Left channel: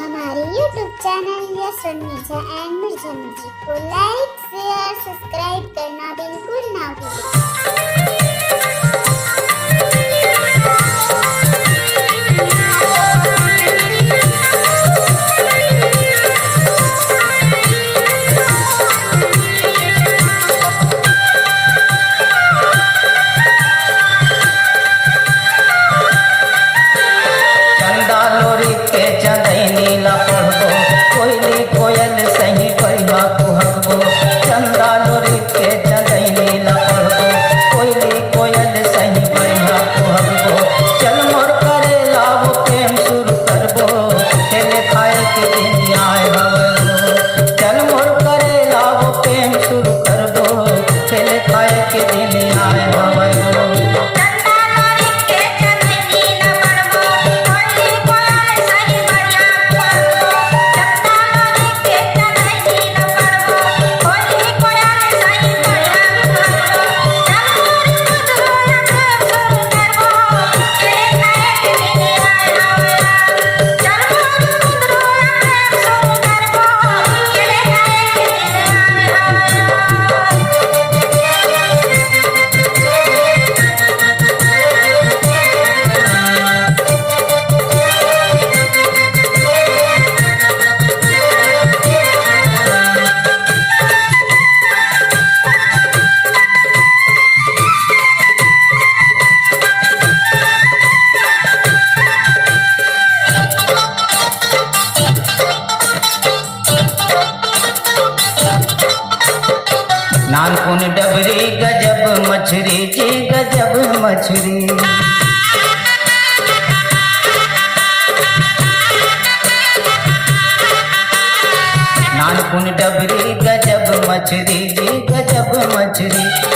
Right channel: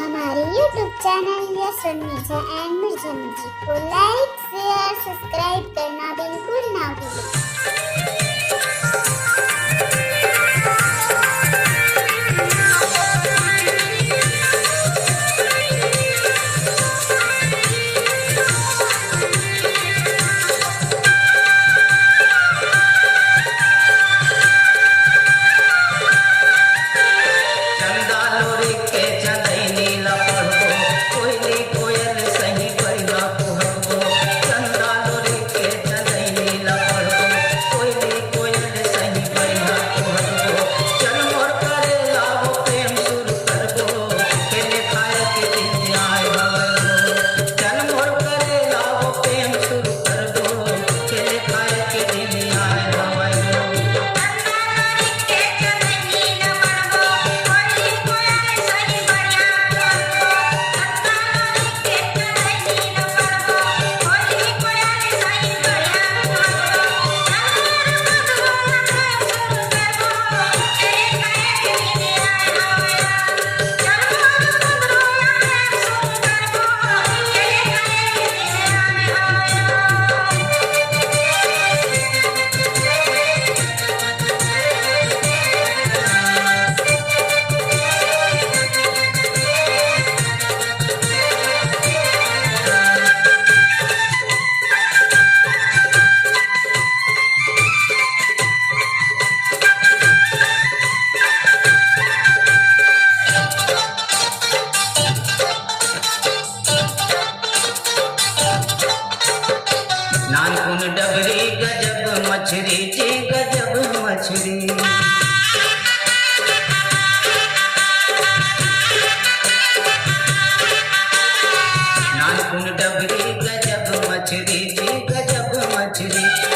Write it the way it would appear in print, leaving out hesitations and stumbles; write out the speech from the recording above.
हमारे YouTube channel yes Mirza and Mirza music को like share subscribe करना बिल्कुल ना भूलें। चंदा लोरी के चंदैनी ला पढ़बो कोयली कोयल सही बढ़िया कुहबो। चंदा लोरी के चंदैनी ला पढ़बो कोयली कोयल सही बढ़िया कुहबो। चल मोर करे लाओ प्रेम शुरू करबो खेले खाए के दिन आए हवलो। चल मोर करे लाओ प्रेम शुरू करबो खेले खाए के दिन आए हवलो। नानकुन डबरी गजब मछरी जी गजब मछरी। नानकुन डबरी गजब मछरी जी गजब मछरी।